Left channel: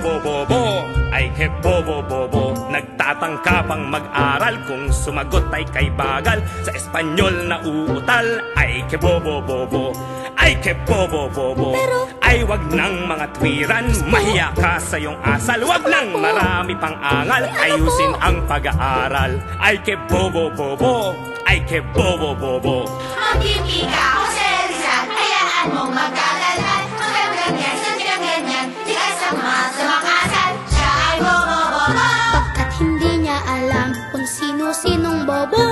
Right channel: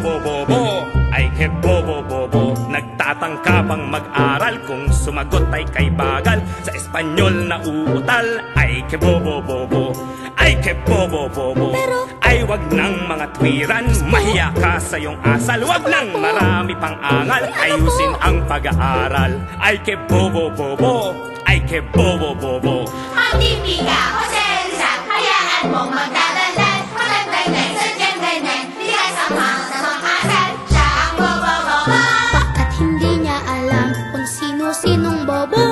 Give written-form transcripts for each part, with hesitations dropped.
bobo-bobo, ay ke bobo-bobo. Nagtatangka pang mag-aral, kung sumagot ay kay bagal. Sa Espanyol na uutal, ay ke bobo-bobo. Ay ke bobo-bobo, ay wag nang mga twiran. Mahiya ka sa iyong asal, wag nang marami pang angal. Ayusin ang pag-aaral, ay ke bobo-bobo. Ay ke bobo-bobo. Ang tipika o sensa, hayaan mong magdadalan. Ang bebek sa jebenen, hindi ka sama sa makasal. Siya ay bobo-bobo. Pagkat hindi niya alam kung sino-sinong bobo,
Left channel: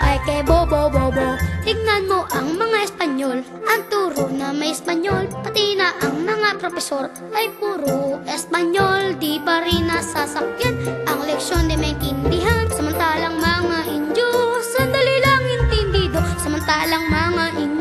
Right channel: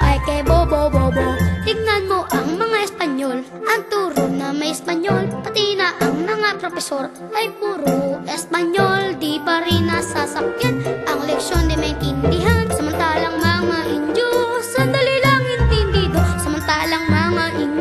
ay kay bobo-bobo. Tignan mo ang mga Espanyol, ang turo na may Espanyol. Pati na ang mga profesor ay puro Espanyol. Di pa rin nasasakyan ang leksyon di maintindihan. Samantalang mga Indio, sandali lang intindido. Samantalang mga Indio,